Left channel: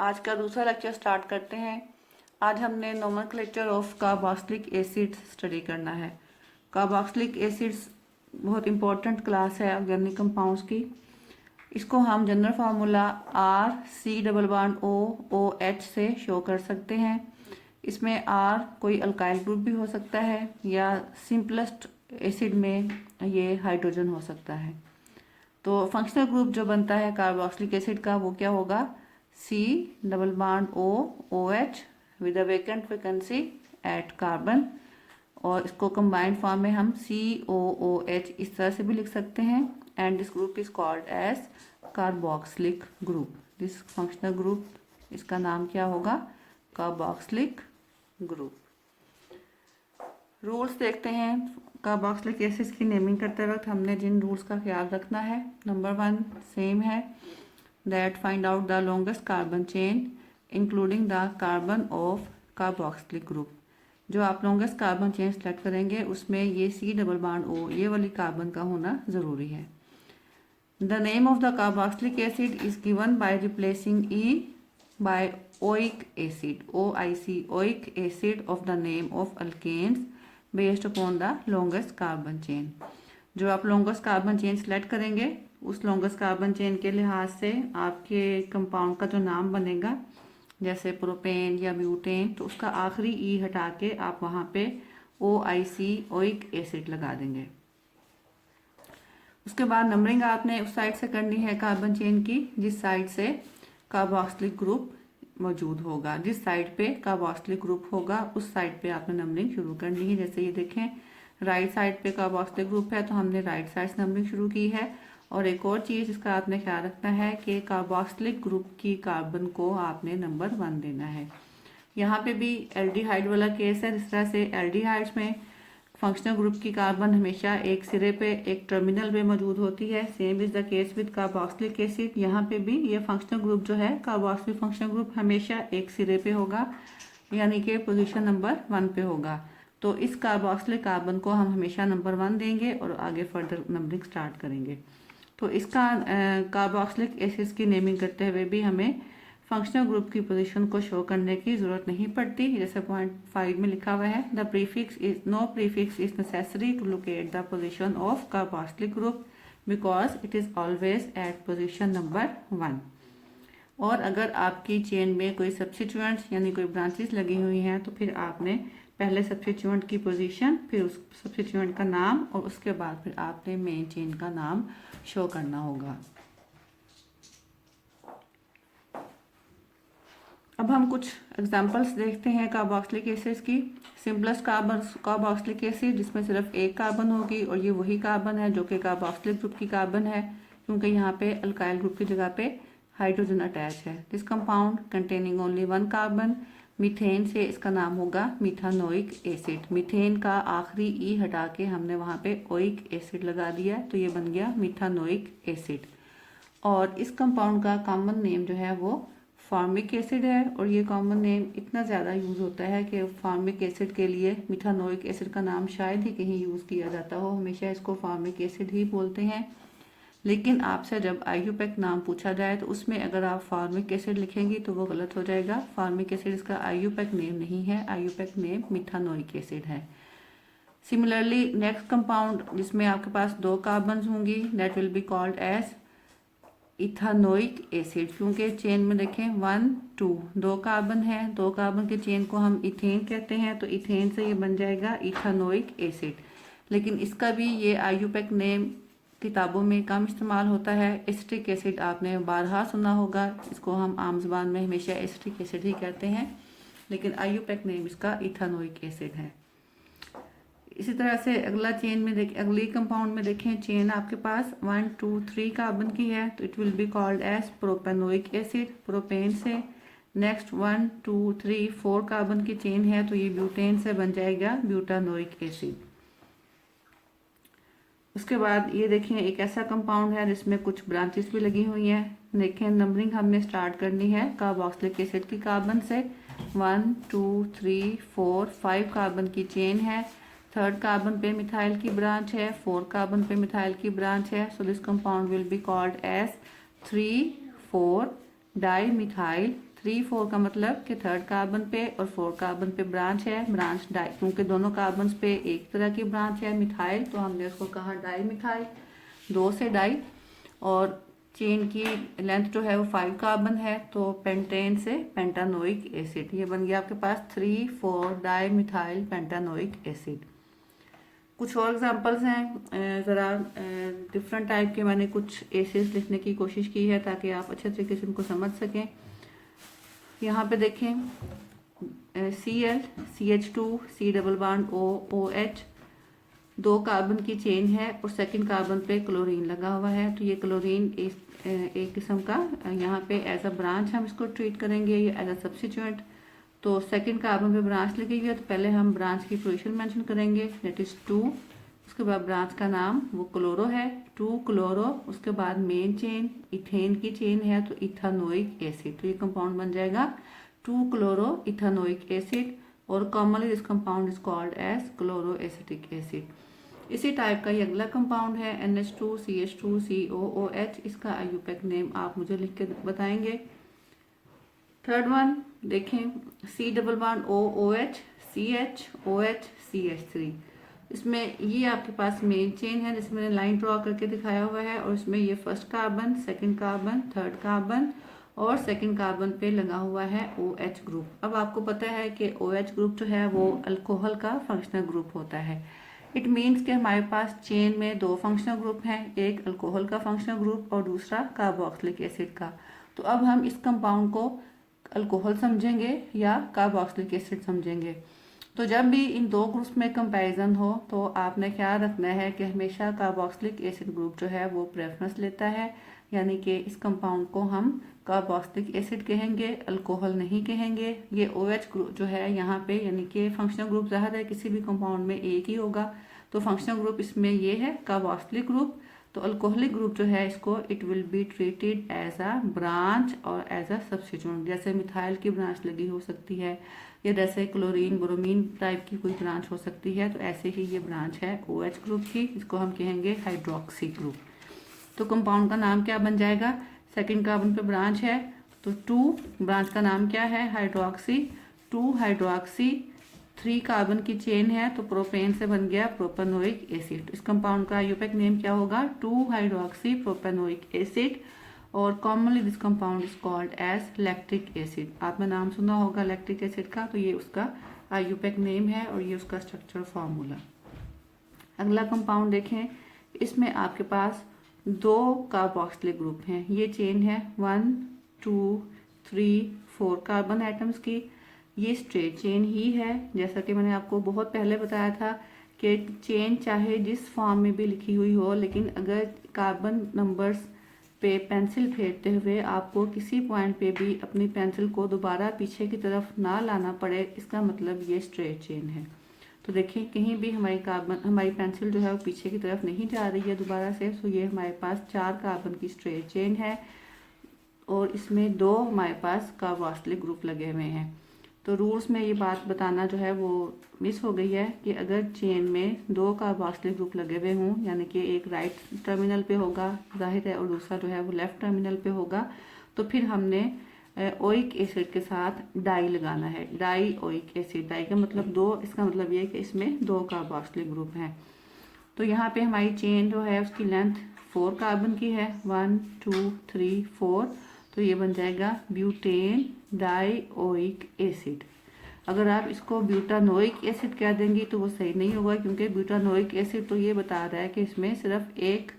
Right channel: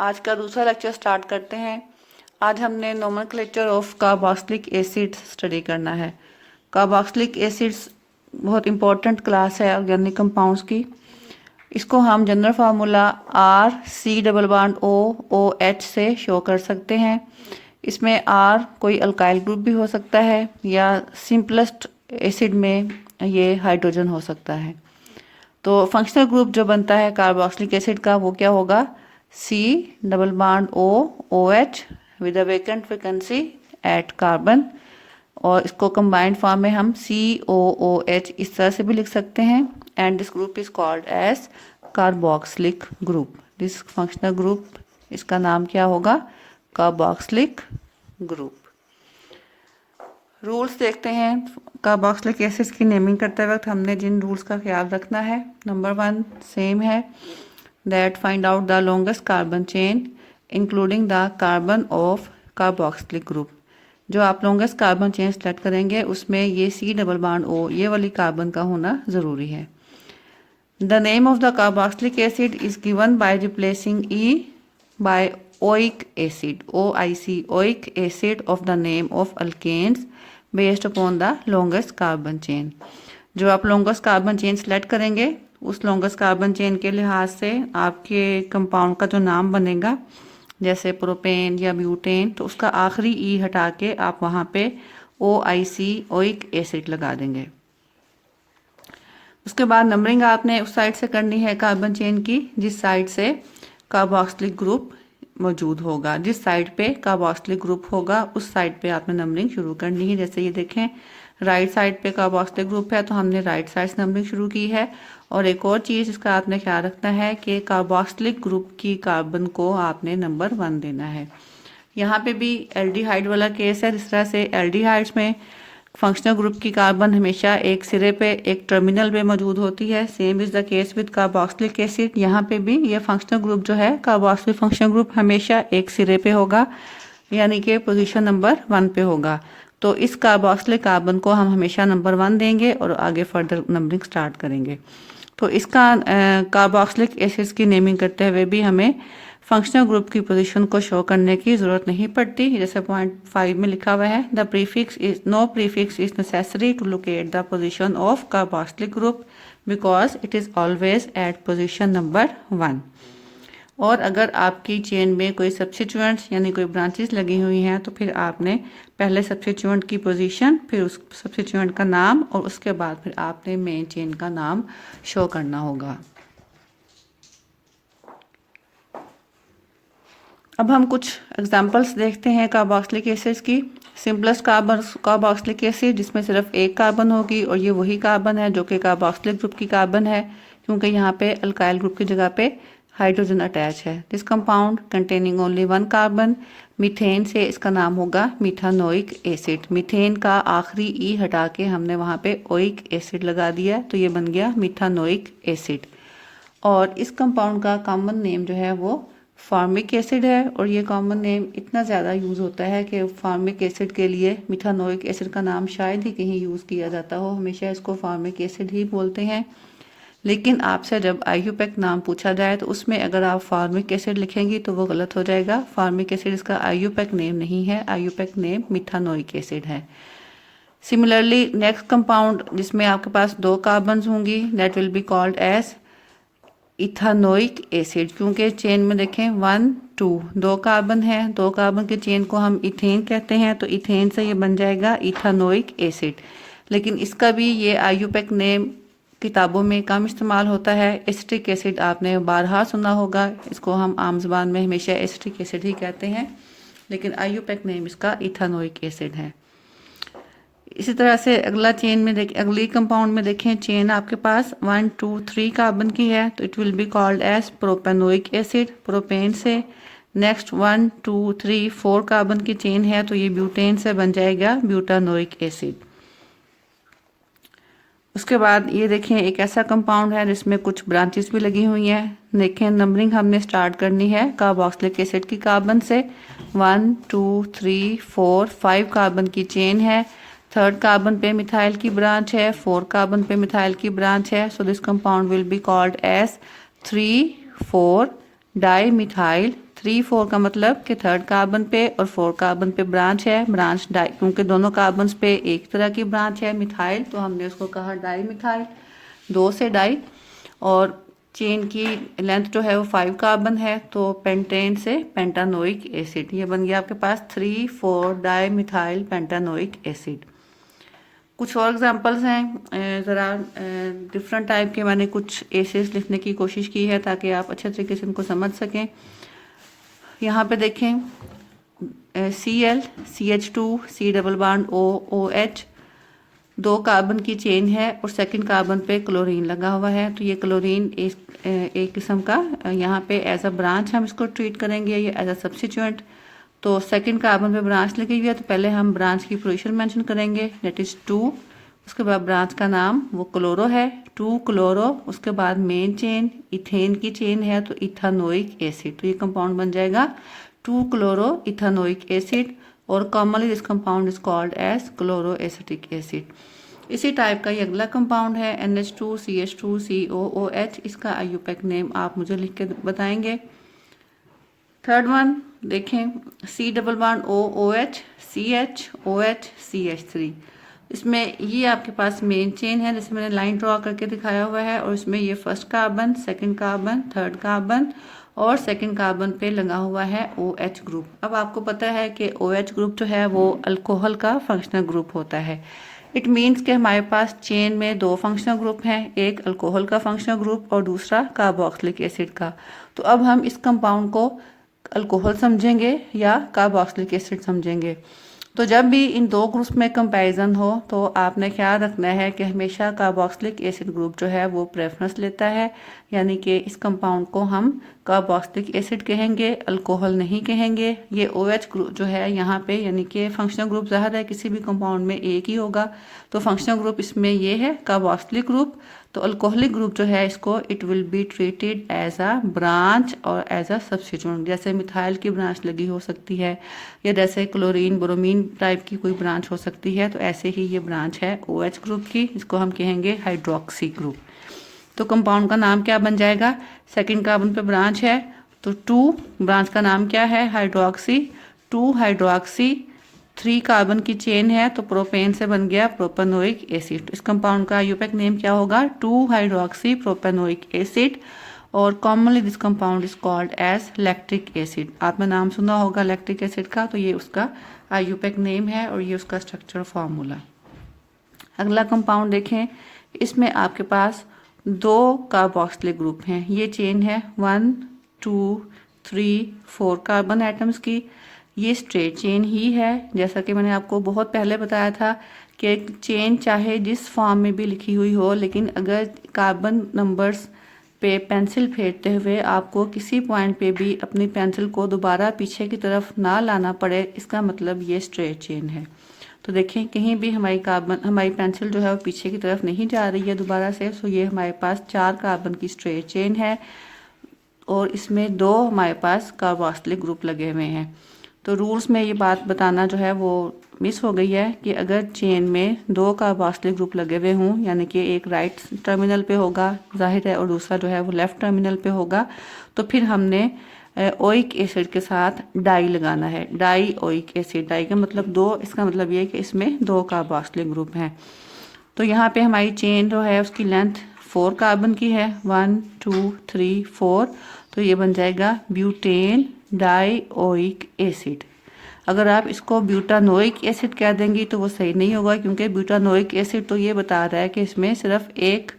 आज का दूसरा लेक्चर स्टार्ट करते हैं। आज हमने nomenclature of carboxylic acids study करना है। कार्बोक्सिलिक एसिड्स बहुत इंपॉर्टेंट क्लास है ऑर्गेनिक कंपाउंड्स की। इसको हम जनरल फार्मूला RC++OOH से शो कर सकते हैं। इसमें R कोई अल्काइल ग्रुप भी हो सकता है या सिंपलेस्ट एसिड में ये हाइड्रोजन हो सकता है। तो फंक्शनल ग्रुप जो बनता है कार्बोक्सिलिक एसिड का वो क्या होगा, C++OOH with a vacant vacancy at carbon. और इसको कंबाइंड फॉर्म में हम COOH इस तरह से भी लिख सकते हैं। And this group is called as carboxylic group. This functional group, इसका नाम क्या होगा, कार्बोक्सिलिक ग्रुप। रूल्स देखते हैं। कार्बोक्सिलिक एसिड्स की नेमिंग करते वक्त हमने जिन रूल्स का ख्याल रखना है, नंबर 1 सेम है, that find out the longest carbon chain including the carbon of carboxylic group. जो आप लॉन्गेस्ट कार्बन चेन सेलेक्ट करेंगे उसमें ये C++O ये वाली कार्बन का होना ज़रूरी है। The name of the carboxylic acid is given by replacing E by oic acid, OIC, oic acid of the name of alkanes based upon the longest carbon chain. जो आप लॉन्गेस्ट कार्बन चेन सेलेक्ट करेंगे उस longest carbon chain के लिहाज से आपके compound का जो नाम बनेगा, जैसे प्रोपेन या ब्यूटेन, तो उसका आखिरी ई हटा के आप वहाँ पे OIC, ओइक एसिड लगा देंगे। उसके बाद नंबरिंग आपने उस साइड से करनी है कार्बन चेन की जिस साइड से कार्बोक्सिलिक ग्रुप मौजूद होगा। जिस साइड पे कार्बोक्सिलिक ग्रुप होगा उस साइड पे आपने नंबरिंग शुरू करनी है। जैसे ये देखें, राइट साइड पे कार्बोक्सिलिक ग्रुप है तो हमने राइट साइड से नंबरिंग शुरू की है। और एक और चीज़ इसका आपने ख्याल रखना है कि कार्बोक्सिलिक ग्रुप की कार्बन को आपने नंबर 1 देना है। यहाँ पे भी एल्डिहाइड वाला केस है। जिस तरह से एल्डिहाइड्स में फंक्शनल ग्रुप की कार्बन हमेशा एक सिरे पे, एक टर्मिनल पे मौजूद होती है, same is the case with carboxylic acid. यहाँ पे भी ये फंक्शनल ग्रुप जो है, कार्बोक्सिलिक फंक्शनल ग्रुप हमेशा एक सिरे पे होगा, यानी कि पोजीशन नंबर 1 पे होगा। तो इस कार्बोक्सिलिक कार्बन को हम हमेशा नंबर 1 देंगे और आगे फर्दर नंबरिंग स्टार्ट करेंगे। तो इसका कार्बोक्सिलिक एसिड्स की नेमिंग करते हुए भी हमें फंक्शनल ग्रुप की पोजीशन को शो करने की ज़रूरत नहीं पड़ती। जैसे पॉइंट 5 में लिखा हुआ है, the prefix is no prefix is necessary to locate the position of carboxylic group because it is always at position number 1। और अगर आपकी चेन में कोई सब्स्टिट्यूएंट्स यानी कोई ब्रांचेस लगी हुई हैं तो फिर आपने पहले सब्स्टिट्यूएंट की पोजीशन, फिर उस सब्स्टिट्यूएंट का नाम और उसके बाद फिर आपने मेन चेन का नाम शो करना होगा। अब हम कुछ एग्जांपल्स देखते हैं कार्बोक्सिलिक एसिड्स की। सिंपलेस्ट कार्बोक्सिलिक एसिड जिसमें सिर्फ एक कार्बन होगी और ये वही कार्बन है जो कि कार्बोक्सिलिक ग्रुप की कार्बन है, क्योंकि यहाँ पे अल्काइल ग्रुप की जगह पे हाइड्रोजन अटैच है। This compound containing only 1 carbon. Methane से इसका नाम होगा मीथानोइक एसिड। मीथेन का आखिरी ई हटा के हमने वहाँ पे ओइक एसिड लगा दिया तो ये बन गया मीथानोइक एसिड। और इस कंपाउंड का कॉमन नेम जो है वो फार्मिक एसिड है। और ये कॉमन नेम इतना ज़्यादा यूज़ होता है कि फार्मिक एसिड के लिए मिथानोइक एसिड का नाम शायद ही कहीं यूज़ किया जाता हो, हमेशा इसको फार्मिक एसिड ही बोलते हैं। लेकिन आपसे जब आईयूपैक नाम पूछा जाए तो उसमें अगर आप फार्मिक एसिड लिखेंगी तो वो गलत हो जाएगा। फार्मिक एसिड इसका आईयूपैक नेम नहीं है, आईयूपैक नेम मिथानोइक एसिड है। सिमिलरली नेक्स्ट कंपाउंड जिसमें आपके पास 2 कार्बन्स होंगी, that will be called as ethanoic acid. क्योंकि चेन में देखें 1 2 2 कार्बन है, 2 कार्बन की चेन को हम इथेन कहते हैं, तो इथेन से ये बन जाएगा इथानोइक एसिड। लेकिन इसका भी ये आईयूपैक नेम किताबों में कम इस्तेमाल होता है। एसिटिक एसिड आपने बारहा सुना होगा, इसको हम आम ज़बान में हमेशा एसिटिक एसिड ही कहते हैं, लेकिन आईयूपैक नेम इसका इथानोइक एसिड है। इसी तरह से अगला चेन में अगली कंपाउंड में देखें, चेन आपके पास 1 2 3 कार्बन की है तो it will be called as propanoic acid. Propane से नेक्स्ट 1 2 3 4 कार्बन की चेन है तो ये ब्यूटेन से बन जाएगा ब्यूटानोइक एसिड। उसके बाद ये देखें, एक ऐसा कंपाउंड है जिसमें कुछ ब्रांचेस भी लगी हुई हैं। देखें, नंबरिंग हमने स्टार्ट करनी है कार्बोक्सिलिक एसिड की कार्बन से। 1 2 3 4 5 कार्बन की चेन है। 3rd कार्बन पे मिथाइल की ब्रांच है, 4 कार्बन पे मिथाइल की ब्रांच है। So this compound will be called as 3 4 dimethyl 3 4 का मतलब कि थर्ड कार्बन पे और 4 कार्बन पे ब्रांच है, ब्रांच डाई, क्योंकि दोनों कार्बन पे एक तरह की ब्रांच है मिथाइल, तो हमने उसको कहा डाई मिथाइल, 2 से डाई। और चेन की लेंथ जो है वो 5 कार्बन है, तो पेंटेन से पेंटानोइक एसिड, ये बन गया आपके पास 3 4 डाई मिथाइल पेंटानोइक एसिड। कुछ और एग्जांपल्स हैं, ज़रा डिफरेंट टाइप के मैंने कुछ एसिड्स लिखने की कोशिश की है ताकि आप अच्छे तरीके से उनको समझ सकें। यहाँ पे देखें Cl CH2 C double bond O OH, 2 carbon की चेन है और सेकंड कार्बन पे क्लोरीन लगा हुआ है, तो ये क्लोरीन एक किस्म का यहाँ पे एज अ ब्रांच हम इसको ट्रीट करेंगे, ये एज अ सब्स्टिट्यूएंट। तो सेकंड कार्बन पे ब्रांच लगी हुई है, तो पहले हम ब्रांच की पोजीशन मेंशन करेंगे, दैट इज़ 2। उसके बाद ब्रांच का नाम वो क्लोरो है, 2 क्लोरो। उसके बाद मेन चेन इथेन की चेन है, तो इथानोइक एसिड, तो ये कंपाउंड बन जाएगा 2 क्लोरो इथानोइक एसिड। और commonly this compound is called as chloro acetic acid. इसी टाइप का ये अगला कंपाउंड है NH2 CH2 COOH, इसका IUPAC नेम आप मुझे लिख के बताएंगे। थर्ड वन देखें C double bond O OH CH OH CH3, इसमें ये आपके पास मेन चेन है, जैसे मैंने लाइन ड्रॉ करके दिखाया हुआ है, और इसमें ये first carbon, second carbon, third carbon और सेकंड कार्बन पे लगा हुआ है OH ग्रुप। अब आपको पता है कि OH ग्रुप जो है वो अल्कोहल का फंक्शनल ग्रुप होता है। इट मीन्स कि हमारे पास चेन में 2 फंक्शनल ग्रुप हैं, एक अल्कोहल का फंक्शनल ग्रुप और दूसरा कार्बोक्सिलिक एसिड का। तो अब हम इस कंपाउंड को अल्कोहल समझेंगे या कार्बोक्सिलिक एसिड समझेंगे। तो जब भी इन 2 ग्रुप्स में कंपैरिजन हो तो आपने ख्याल रखना है कि हमेशा कार्बोक्सिलिक एसिड ग्रुप जो है वो प्रेफरेंस लेता है, यानी कि इस कंपाउंड को हम कार्बोक्सिलिक एसिड कहेंगे, अल्कोहल नहीं कहेंगे। ये OH ग्रुप जो है यहाँ पे, यानी कि फंक्शनल ग्रुप ज़ाहिर है किसी भी कंपाउंड में एक ही होगा, तो फंक्शनल ग्रुप इसमें ये है कार्बोक्सिलिक ग्रुप। तो अल्कोहलिक ग्रुप जो है इसको it will be treated as a branch और एज अ सब्स्टिट्यूएंट, जैसे मिथाइल की ब्रांच लगी हो सकती है या जैसे क्लोरीन ब्रोमीन टाइप की कोई ब्रांच हो सकती है, तो ऐसे ही ये ब्रांच है OH ग्रुप की, इसको हम कहेंगे हाइड्रोक्सी ग्रुप। तो कंपाउंड का नाम क्या बन जाएगा, सेकंड कार्बन पे ब्रांच है तो 2, ब्रांच का नाम क्या है हाइड्रोक्सी, 2 हाइड्रोक्सी, 3 कार्बन की चेन है तो प्रोपेन से बन गया प्रोपेनोइक एसिड। इस कंपाउंड का IUPAC नेम क्या होगा, 2 हाइड्रोक्सी प्रोपेनोइक एसिड। और commonly this compound is called as lactic acid. आपने नाम सुना होगा लैक्टिक एसिड का, तो ये उसका IUPAC नेम है और ये उसका स्ट्रक्चर फार्मूला। अगला कंपाउंड देखें, इसमें आपके पास 2 कार्बोक्सिलिक ग्रुप हैं, ये चेन है 1 2 3 4 कार्बन एटम्स की, ये स्ट्रेट चेन ही है। जैसा कि मैंने आपको बहुत पहले बताया था कि चेन चाहे जिस फॉर्म में भी लिखी हुई हो, लेकिन अगर कार्बन नंबर्स पे पेंसिल फेरते हुए आपको किसी पॉइंट पे भी अपनी पेंसिल को दोबारा पीछे की तरफ ना लाना पड़े, इसका मतलब ये स्ट्रेट चेन है। तो देखें कहीं भी हमारी पेंसिल जो है वो पीछे की तरफ नहीं जा रही है दोबारा से, तो ये हमारे पास 4 कार्बन की स्ट्रेट चेन है और इसमें 2 हमारे पास कार्बोक्सिलिक ग्रुप लगे हुए हैं। तो रूल्स में ये बात बताना जो है वो मिस हो गई है कि अगर चेन में 2 कार्बोक्सिलिक ग्रुप लगे हुए हों, यानी कि एक राइट टर्मिनल पे होगा जाहिर है और दूसरा जो है वो लेफ्ट टर्मिनल पे होगा, तो फिर हमने ओइक एसिड के साथ डाई लगाना है, डाई ओइक एसिड। डाई का मतलब 2, इसका मतलब ये है कि इसमें 2 कार्बोक्सिलिक ग्रुप हैं। तो यहाँ पे हमारी चेन जो है उसकी लेंथ 4 कार्बन की है, 1 2 3 4, तो ये बन जाएगा ब्यूटेन डाई ओइक एसिड। अगर आप इसको ब्यूटानोइक एसिड कह देंगी तो वो सही नहीं होगा, क्योंकि ब्यूटानोइक एसिड तो ये बता रहा है कि इसमें सिर्फ एक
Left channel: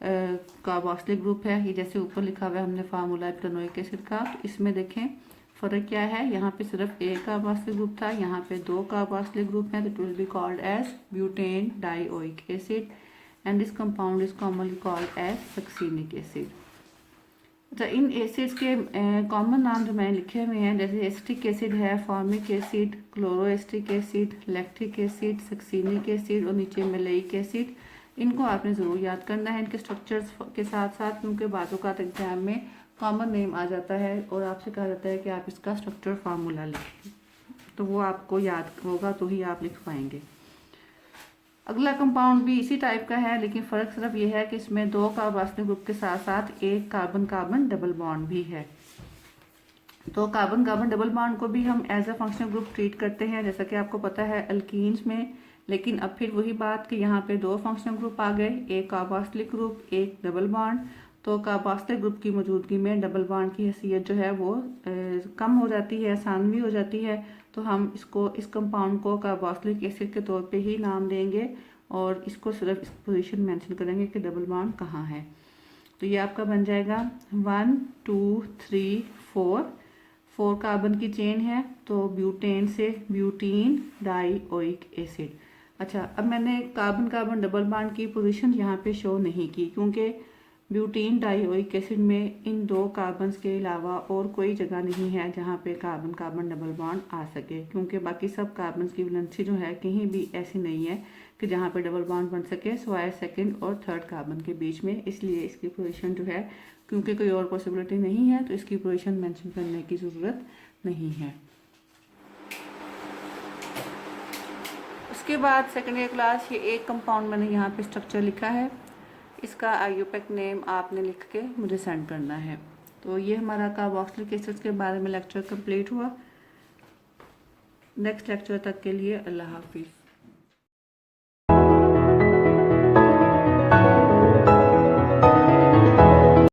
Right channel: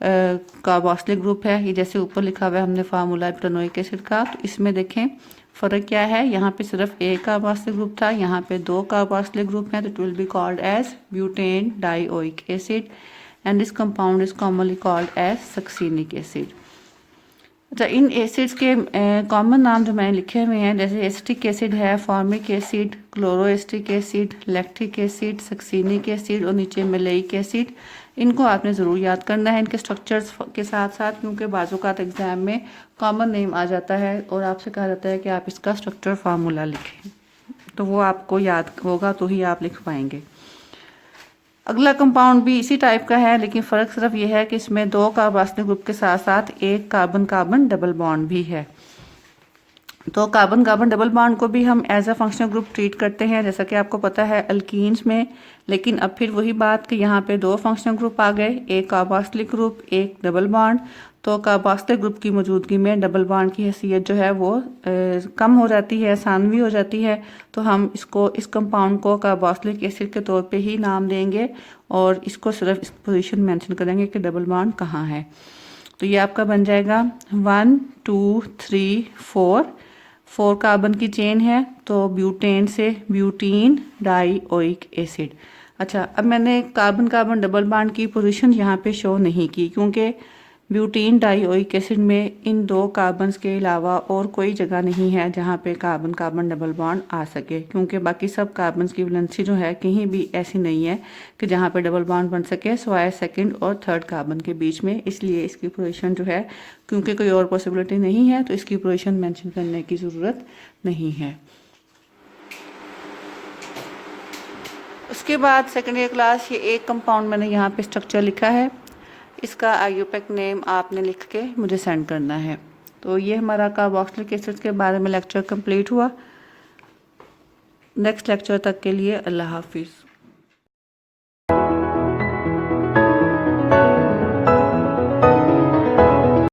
कार्बोक्सिलिक ग्रुप है, ये जैसे ऊपर लिखा हुआ है हमने फार्मूला ब्यूटानोइक एसिड का। तो इसमें देखें फ़र्क क्या है, यहाँ पे सिर्फ एक कार्बोक्सिलिक ग्रुप था, यहाँ पे 2 कार्बोक्सिलिक ग्रुप हैं, तो it will be called as butane dioic acid and this compound is commonly called as succinic acid. अच्छा, इन एसिड्स के कॉमन नाम जो मैंने लिखे हुए हैं, जैसे एसिटिक एसिड है, formic acid, chloroacetic acid, lactic acid, succinic acid और नीचे मेलेइक एसिड। इनको आपने ज़रूर याद करना है इनके स्ट्रक्चर्स के साथ साथ, क्योंकि बाज़-औक़ात एग्ज़ाम में कॉमन नेम आ जाता है और आपसे कहा जाता है कि आप इसका स्ट्रक्चर फार्मूला लिखें, तो वो आपको याद होगा तो ही आप लिख पाएंगे। अगला कंपाउंड भी इसी टाइप का है, लेकिन फ़र्क सिर्फ ये है कि इसमें 2 कार्बोक्सिलिक ग्रुप के साथ साथ एक कार्बन कार्बन डबल बॉन्ड भी है। तो कार्बन कार्बन डबल बॉन्ड को भी हम as a functional group treat करते हैं, जैसा कि आपको पता है अल्कीन्स में। लेकिन अब फिर वही बात कि यहाँ पे दो फंक्शनल ग्रुप आ गए, एक कार्बोक्सिलिक ग्रुप, एक डबल बॉन्ड। तो कार्बोक्सिलिक ग्रुप की मौजूदगी में डबल बॉन्ड की हैसियत जो है वो कम हो जाती है, सानवी हो जाती है। तो हम इसको, इस कंपाउंड को कार्बोक्सिलिक एसिड के तौर पे ही नाम देंगे और इसको सिर्फ इस पोजीशन मेंशन करेंगे कि डबल बॉन्ड कहाँ है। तो ये आपका बन जाएगा 1 2 3 4 कार्बन की चेन है, तो ब्यूटेन से ब्यूटीन डाइओइक एसिड। अच्छा, अब मैंने कार्बन कार्बन डबल बॉन्ड की पोजीशन यहाँ पे शो नहीं की, क्योंकि ब्यूटीन डाइओइक एसिड में इन दो कार्बन्स के अलावा और कोई जगह नहीं है जहाँ पे कार्बन कार्बन डबल बॉन्ड आ सके, क्योंकि बाकी सब कार्बन्स की वैलेंसी जो है कहीं भी ऐसी नहीं है कि जहाँ पे डबल बॉन्ड बन सके सिवाय सेकंड और थर्ड कार्बन के बीच में। इसलिए इसकी पोजीशन जो है, क्योंकि कोई और पॉसिबिलिटी नहीं है, तो इसकी पोजीशन मेंशन करने की ज़रूरत नहीं है। उसके बाद सेकेंड ईयर क्लास, ये एक कंपाउंड मैंने यहाँ पे स्ट्रक्चर लिखा है, इसका आईयूपैक नेम आपने लिख के मुझे सेंड करना है। तो ये हमारा कार्बोक्सिलिक एसिड्स के बारे में लेक्चर कंप्लीट हुआ। नेक्स्ट लेक्चर तक के लिए अल्लाह हाफिज़।